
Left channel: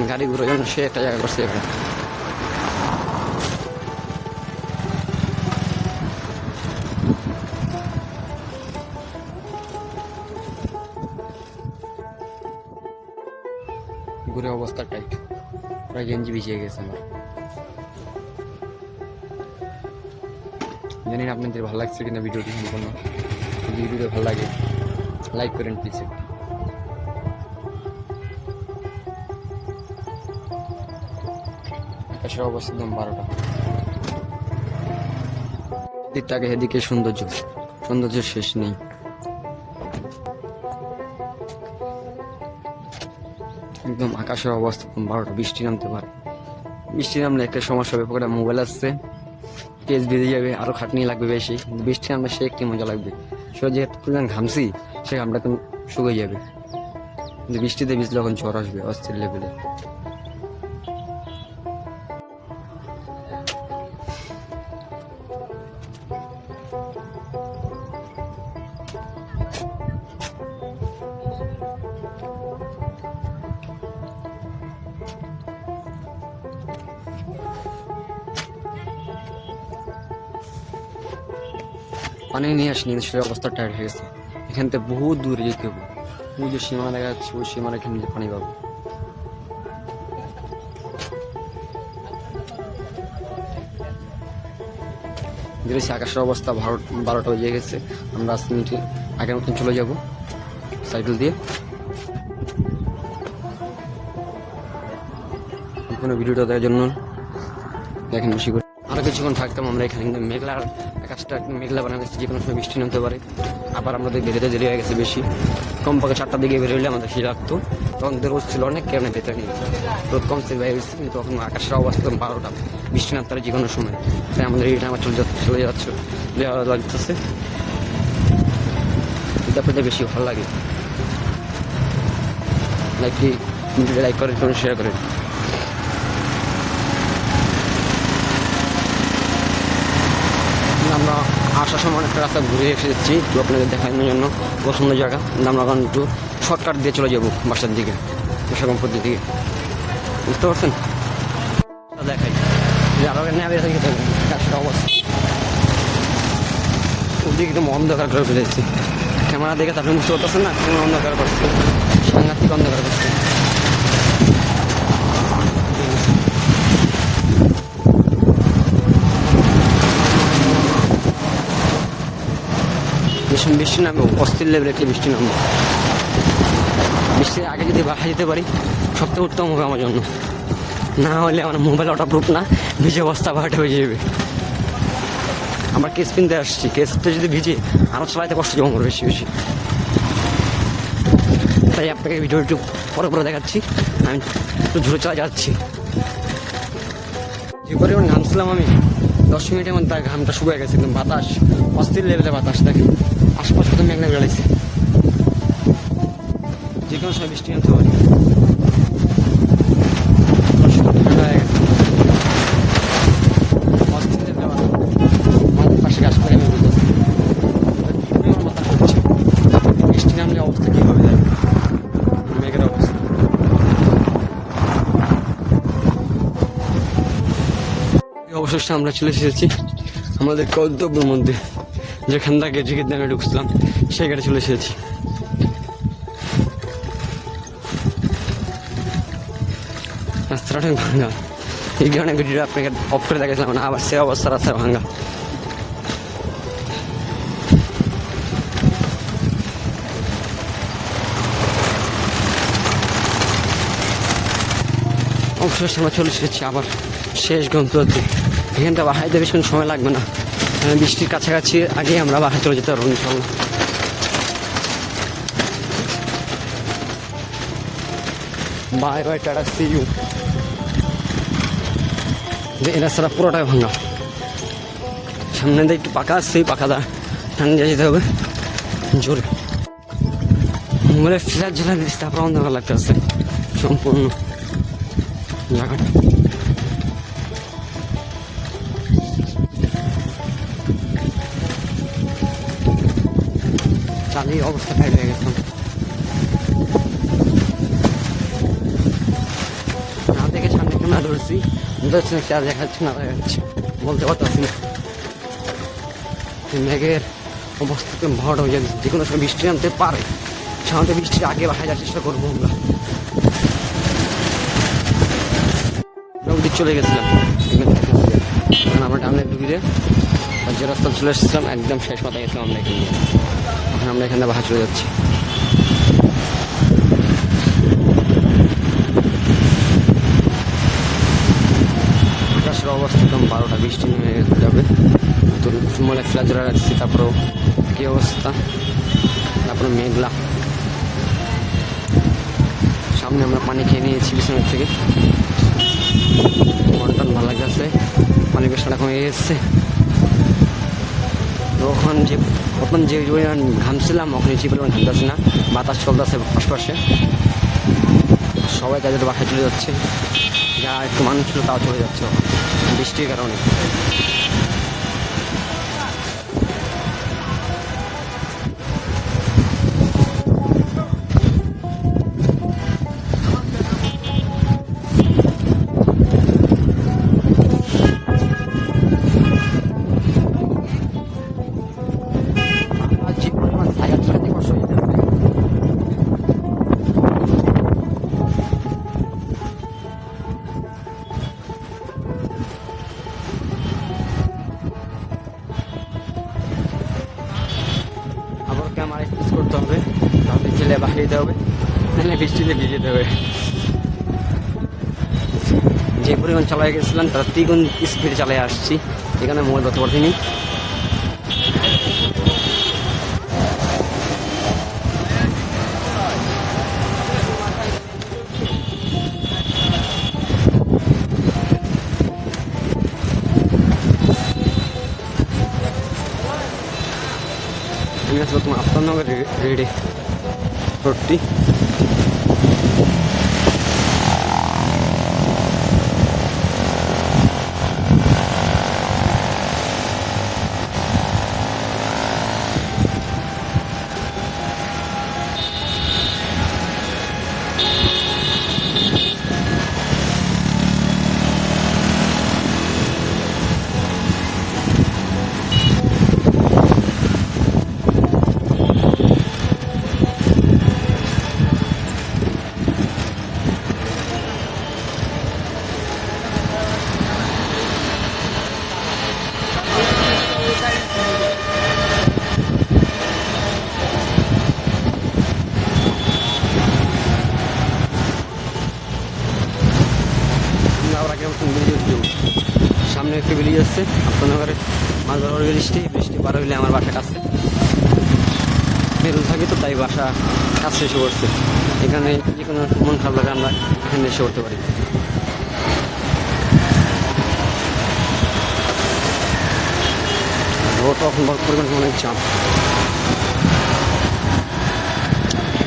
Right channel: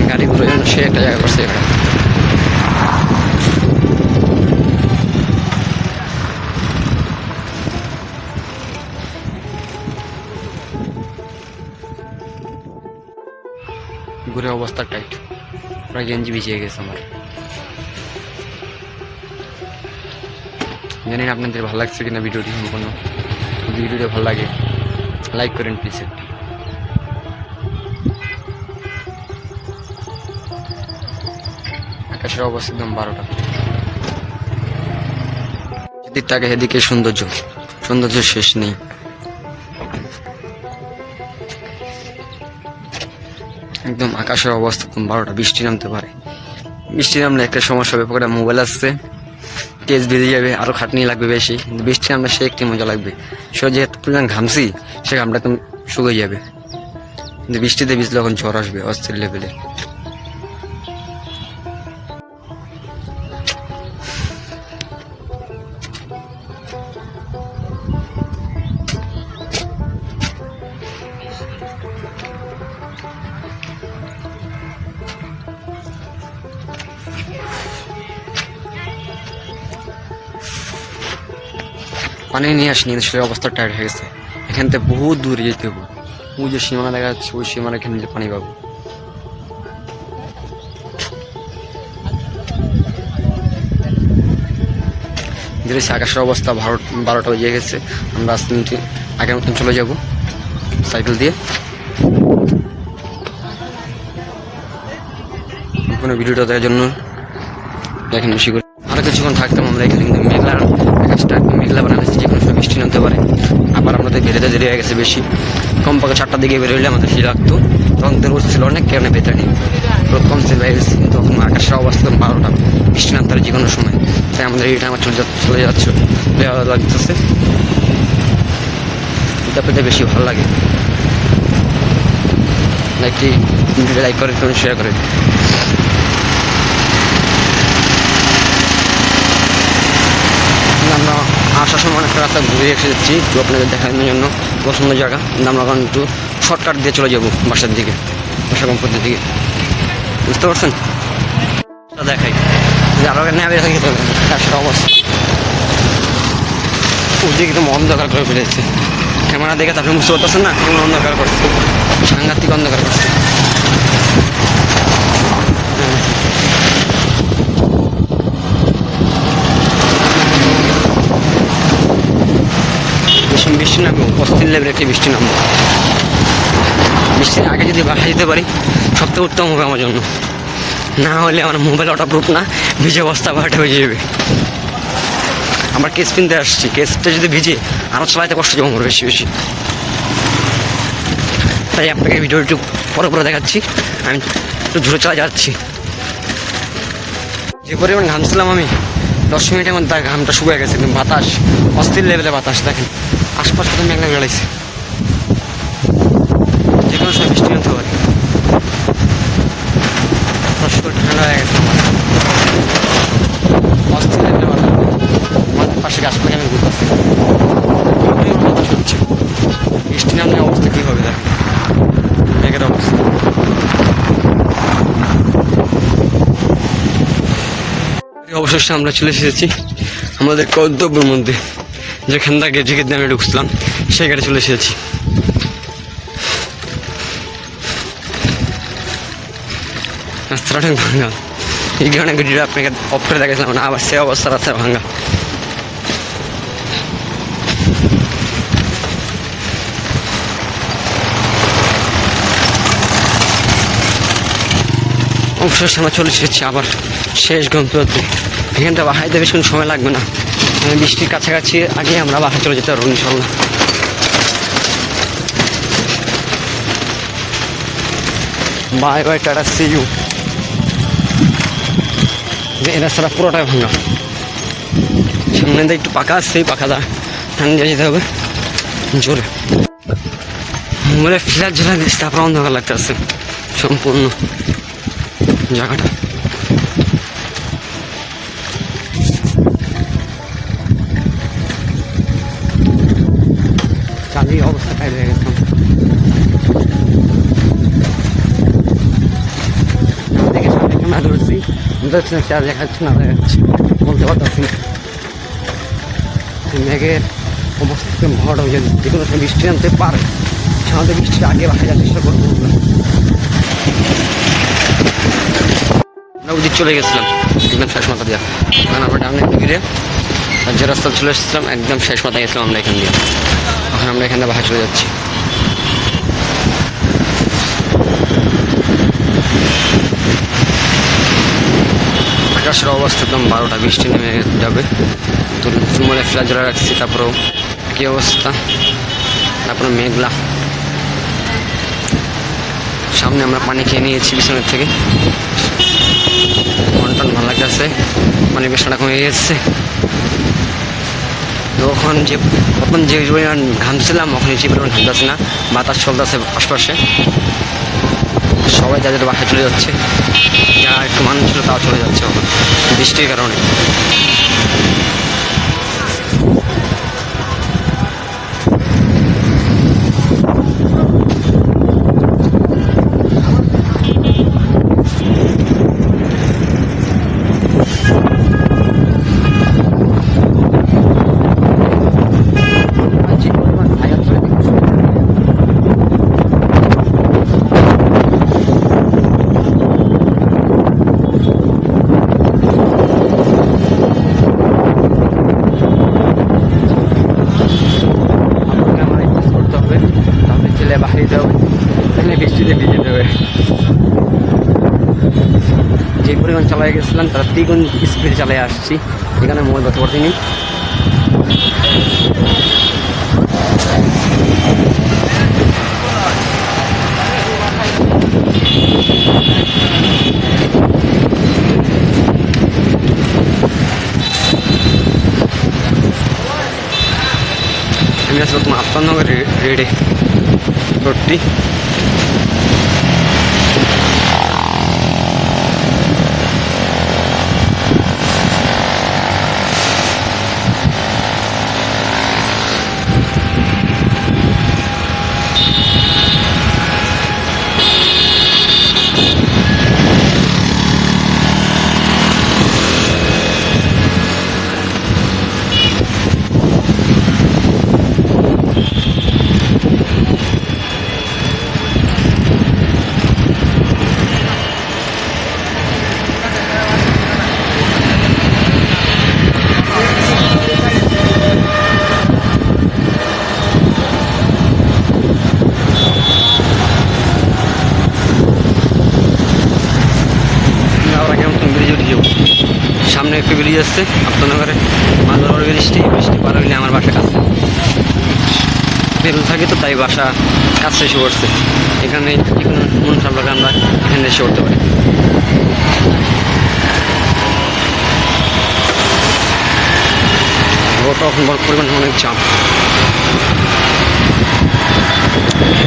গাড়ি ঘুরে যেন সে একটা জায়গা করছে এখানে। ঘুরে অবস্থা টাইট, প্রায় গেঞ্জি ভিজিয়ে গেছে আমার। জানি না আপনাদের ভালো লাগছে কিনা ভিডিওটি সম্পূর্ণ। যদি ভিডিওটি ভালো লাগে লাইক করেন প্লিজ একটি। আকাশের অবস্থা একদম 12টা। এদিকটাকে এদিকে সৌন্দর্য শেষ নেই। একদম আকাশের অবস্থা একদম 12টা। বৃষ্টি নামতে পারে, বৃষ্টি নামলে একটা সমস্যা হবে। পকেটে মোবাইল আসছে, কেস বেরিয়ে যাবে, আরও খাটনি লাগবে বেশি। কিন্তু বৃষ্টি নামলে সে একটি মজা লাগবে। সে যেহেতু পরিমাণ ঘামছি, সে ঘামটা একদম শুকিয়ে যাবে। কিন্তু বৃষ্টিতে ভিজলে এখন ঝড় আসবে অস্থির লেভেলে। পানি নিয়ে আসিনি, সে অবস্থা টায়ার্ড হয়ে গেছে। এখান থেকে বহু দূরে যেতে হবে। ওই যে সীমানা দেখা যাচ্ছে, ওই সীমানা এখানে যে পানি পাবো। ধীরে আকাশের অবস্থা 12টা বেজে গেছে। আমরা 10 মিনিট আগের মতন চলে যাব সাইকেল দিয়ে। কোনো ভিডিওটা দেখার জন্য দেখেন বেশি করে। আরও কিছুক্ষণ থাকতাম আমরা এখানে, কিন্তু আকাশটা একদম মেঘলা বানাচ্ছে, যে কোনো সময় বৃষ্টি নামতে পারে। আবার আমাদের বেরোতে দেরি হয়ে গেছে বেশি। কমপক্ষে 4টার দিকে বেরোলে আমাদের ফি লাগতো, তখন তো রোদ ছিল অনেক, কারণে ভেতরে নেই, রোদ কম ছিল। কিন্তু তখন আকাশের অবস্থা 12টা, বৃষ্টি নামতে পারে যে কোনো সময়। তাই আমাদের এই টাইম চলে যাচ্ছে, লাগতেছে। এটা পেতে বেশি ভালো লাগে। ভিডিও লাইক করে কমেন্ট শেয়ার করে। আমরা আসার সময় অনেকটা রাস্তা ঘুরে এসেছি একটু আপনাদের দেখানোর জন্য পছন্দ জায়গা, কিন্তু আমরা এখন একটু শর্টকাট দিয়ে চলে যাবো বাসার দিকে, বাসা গম্পতির দিকে, বুঝতে পারছেন? দেখাই যে আরো নেবে যেতে হবে আকাশের অবস্থা, ওদিকে একদম অন্ধকার করে ফেলেছে। ক্যামেরা দেখে তারপরে বুঝতে পারতেছেন না কেমন অন্ধকার করছে, সাংঘাতিক অন্ধকার করছে। বৃষ্টি নামবে, অস্থির লেভেলে একটি বৃষ্টি নামবে। বৃষ্টির আগে যদি বাসা যেতে পারি সবথেকে উত্তম হবে আমার জন্য, না হলে আমার মোবাইল ওয়াটারপ্রুফ না, ভিজে বস্তা বাড়াটা হয়ে যাবে। আমার কেস কিনতে আসছি, কেসটা যদি ভিজে আরও চালাইতে কষ্ট যাবো আমার বেশি বেশি। তাই আপনাকে ভিডিও একটু পরে দেখাচ্ছি, আমি একটু দূরে চলে যাচ্ছি। যে পরিমাণ ঘামছিলাম আমি 10 মিনিটের মধ্যে তার ঘামটা শুকিয়ে গেছে, কিন্তু বাতাস অস্থির লেভেলে বাতাস, দেখেন আশপাশ কত মেঘলা বেড়াইছে, যে কোনো সময় বৃষ্টি আনতে পারে। ঠান্ডা হয়ে গেছে আমার, অস্থির লেভেলে বাতাস। আমাদের পাশে গাছপালা আমি বুঝতে পারছি কী পরিমাণ বাতাস হচ্ছে, বৃষ্টি নামলে অবস্থা কী হবে দেখ, মেঘের অবস্থা। অবশেষে আমরা চলে এসেছি আমাদের গন্তব্যের মধ্যে, যেখান থেকে টিকিট দিয়ে আমি ঢুকছিলাম সেই গাড়ি চলে এসেছি। রাস্তাটা অনেক ভাঙা, এই কারণে ভিডিওটা আপনাকে অফ করে দেখেছিলাম না, আবার সে অবস্থা রাস্তা ভাঙা। অবশেষে আমরা চলে এসেছি আবার শেষ গন্তব্যে। এখানটা বাসাইতে বেশি কোনো সময় লাগবে না, বৃষ্টির কাছাকাছি আগে আমরা বাসা চলে যেতে পারবো ইনশাল্লাহ। Bye bye, tata, see you. এই রাস্তাটা পুরোটাই ভাঙা, সামনে দিয়ে একটু পাকা আসছে, এই পাকাটা ঠান্ডা যেতে হবে জোরে। মোবাইলে ফ্ল্যাশ ঝোলা দিচ্ছে, তারপর অন্ধকার লাগতে আসছে সম্পূর্ণ জায়গাটা। চালিয়ে অবস্থা খাই হয়ে গেছিলাম, না দেখে সামনে ক্যামেরা ধরছি, বুঝতে না চার দেখাচ্ছে না দেখাচ্ছে বলতে পারতেছি না। মেঘের অবস্থা ভাড়া হয়ে যাবে, যে কোনো সময় বৃষ্টি আনতে পারে, সাধারণত বৃষ্টির আগে বাসা যাওয়ার চেষ্টা করবো। আমরা ওদিক চলে গেছিলাম একদম শেষ মাথা দিয়ে, এখন আমরা ডাউনে ঘিরে আর যে রাস্তা চলে এসেছিলাম একদম শেষ মাথায় গেছিলাম আমরা এখান দিয়ে। এখন আমরা এখানে বাসা চলে যাচ্ছি। আকাশের অবস্থা একদম 12টা, বৃষ্টি নেমে যাবে। তো মনে ফ্ল্যাশ জ্বালা রাখছি, তারপরেও কী অবস্থা, তারপরে মেঘলা। সামনে আমরা পানি খেয়ে নিয়েছি বিছানার থেকে, মন টন ভালো লাগতেছে, পানির বেশটা কমে গেছে। তখন যে প্রথম যে পরিমাণ ঘামছিলাম ওখানে যে পরিমাণ ঘামতেছে না, বাতাস চলতেছে আশপাশে। সবাই যাদের বাসায় চলে যাচ্ছে, যা একটু মানুষ ছিল তাও চলে যাচ্ছে ওখানে বৃষ্টির কারণে। বাহির দিতে হবে, তাহলে বৃষ্টিতে ভিজে যেতে হবে। যে পরিমাণ চালাই গেছিলাম তারা 3 গুণ স্পিডে চালিয়ে আসছি, এখানে মোবাইল করতে পারছিনি। আমি আসলে তোমার আপনার রেডি রোডটি উঠে যাবো। সামনে একটু ব্রিজ আসছে আফতাবনগরে, মাছ বড় বৃষ্টি পার হইলে আমার বাসা কাছে বেরোতে থাকি, তো তাই বাসা কাছে এসে পড়ছে। এখানে যে কোনো মন খারাপ লাগে আমরা এখানে এসে পড়তে পারি। রোডটা এখন বড় পরিমাণে অনেক জাম,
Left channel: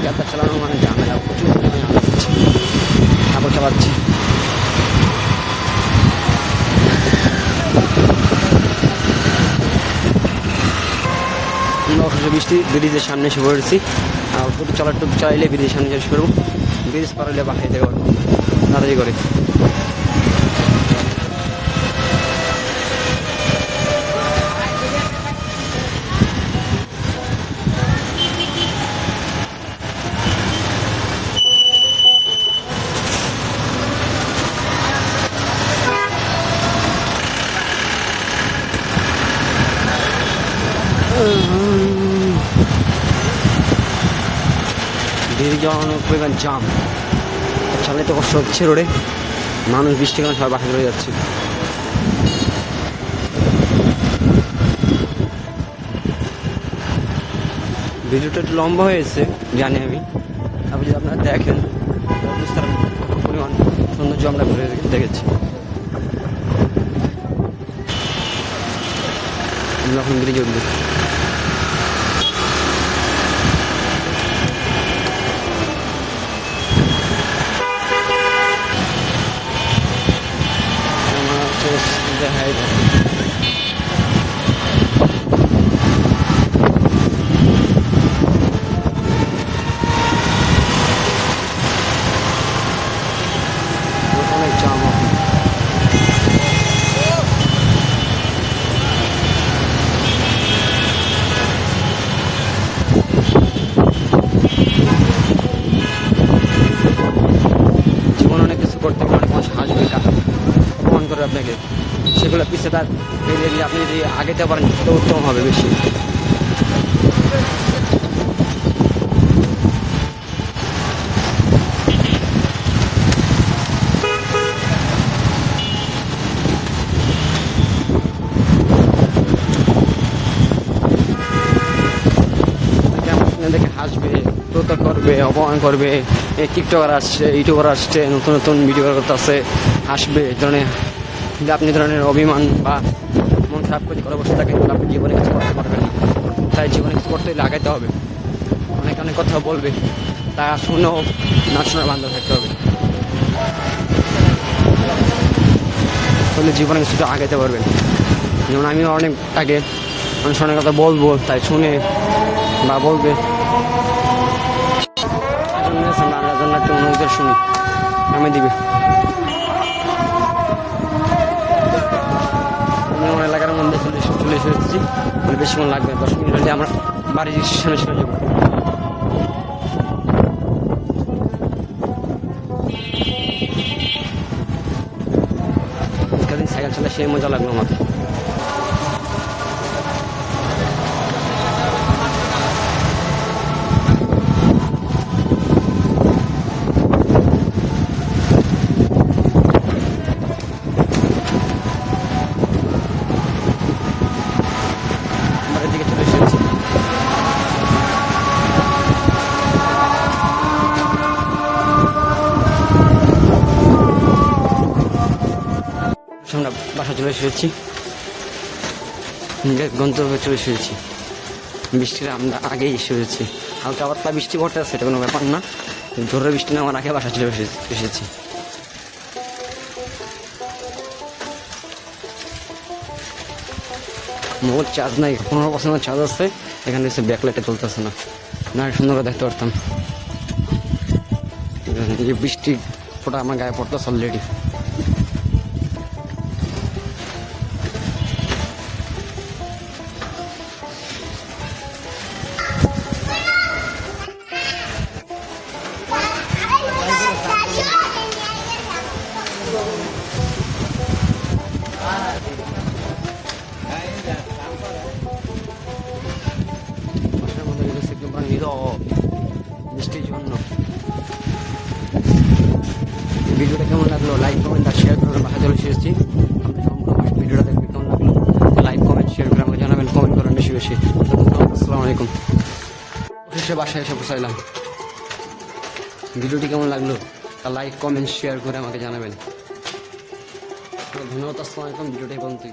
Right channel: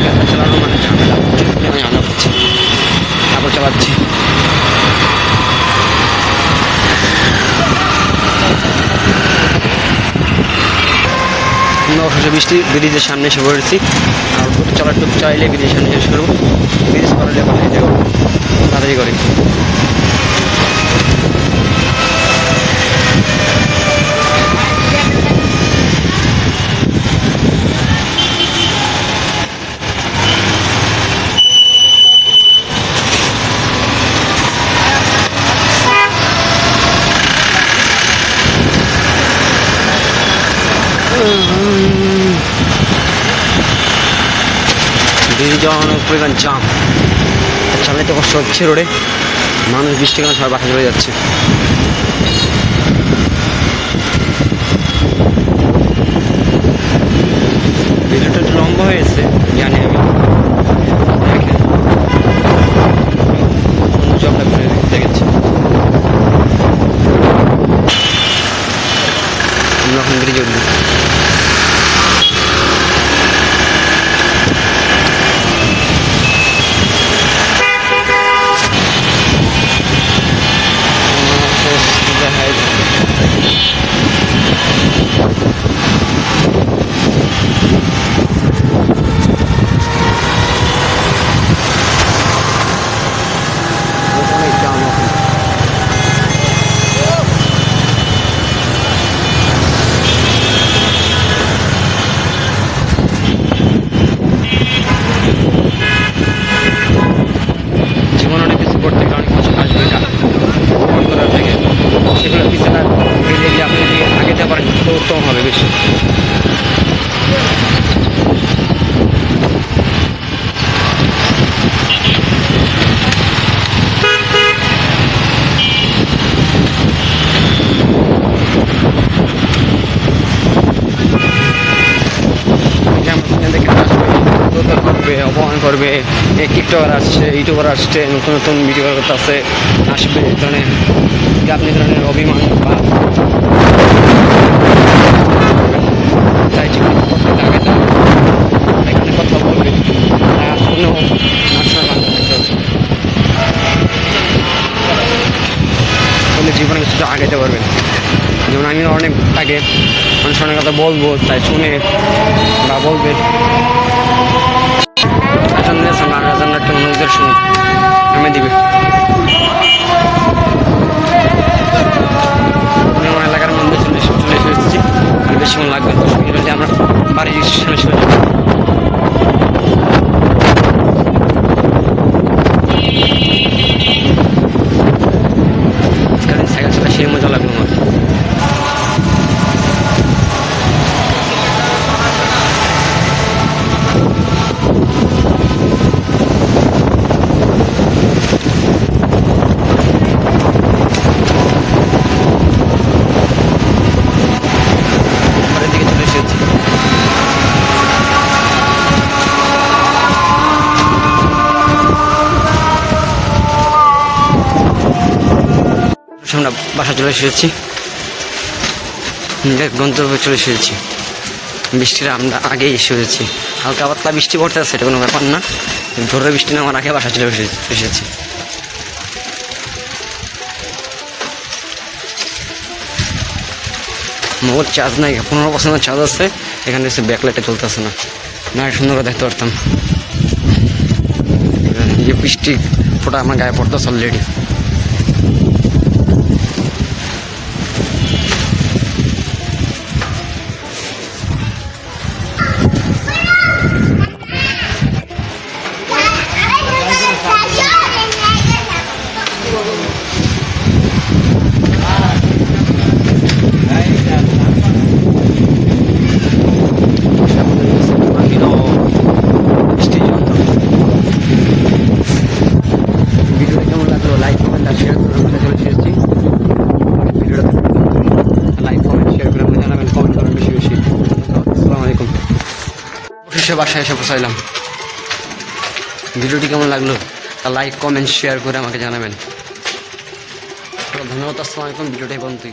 গাড়িটা চালানো মানে ঝামেলা, প্রচুর পরিমাণে আলাপ হচ্ছে, তারপর চালাচ্ছি। আমরা অবশেষে ব্রিজের সামনে এসে পড়েছি। আর টুক চাইলে ব্রিজের সামনে শেষ করবো, ব্রিজ পার হলে বাসায় যাবো তাড়াতাড়ি করে। ব্রিজে যাওয়া অনেক পরিমাণ জাম, চালাতে কষ্ট হচ্ছে রোডে। মানুষ বৃষ্টির কারণে সবাই বাসা চলে যাচ্ছে। ভিডিওটা একটু লম্বা হয়েছে জানি আমি, দেখেন সৌন্দর্য আমরা ঘুরে দেখেছি। আমরা এখন ব্রিজে উঠবো। অনেক জাম এখন। জীবন অনেক কিছু করতে গেলে অনেক মানুষ আসবে টাকা ফোন করার থেকে, সেগুলো পিছনে এগিয়ে গিয়ে আপনি যদি আগে যেতে পারেন তো উত্তম হবে বেশি। দেখে আসবে, তোতার করবে, অপমান করবে, টিকটকার আসছে, ইউটিউবার আসছে, নতুন নতুন ভিডিও করতে আসবে, মানে আপনি ধরনের অভিমান বা চাই জীবন করতে আগে তার এখানে কথা বলবে, তা শুনেও না শোনা বান্ধব হতে হবে, তাহলে জীবনে কিছুটা আগাইতে পারবেন। যেমন আমিও অনেক আগে মানুষ অনেক কথা বলবো, তাই শুনে বা বলবে। একটা অনুভূতির শুনি আমি দিবে। আমি আমার এলাকার মধ্যে চলে এসেছি, মানে বেশিক্ষণ লাগবে, 10 মিনিট হলে আমরা বাড়ির সামনে চলে যাবো। আজকাল সাইকেল চালা সেই মজা লাগলো আমার। আমরা বাসা চলে এসেছি, গন্তব্যে চলে এসেছি। বৃষ্টির আমরা আগেই এসেছি, হালকা পাতলা বৃষ্টি পড়তে আছে, এটা কোনো ব্যাপার না। ধরে বৃষ্টি নামার আগে বাসা চলে এসেছি। মোবাইল চার্জ নাই, 15% চার্জ আছে, এখানে এসে ব্যাকলাইটটা চলতেছে না, না সুন্দর করে দেখতে পারতাম। এই বৃষ্টি ফোটা আমার গায়ে পড়তেছে অলরেডি। ভিডিও কেমন লাগলো লাইক কমেন্ট আর শেয়ার করে বাসা চলে এসেছি। ভিডিওটা লাইক কমেন্ট শেয়ার করে আমাকে জানাবেন, কমেন্ট করেন বেশি বেশি। আসসালামু আলাইকুম। অবশেষে বাসায় এসে পৌঁছাইলাম। ভিডিওটি কেমন লাগলো তা লাইক কমেন্ট শেয়ার করে আমাকে জানাবেন। ধন্যবাদ। আসসালামু আলাইকুম। ভিডিওটাই পর্যন্তই।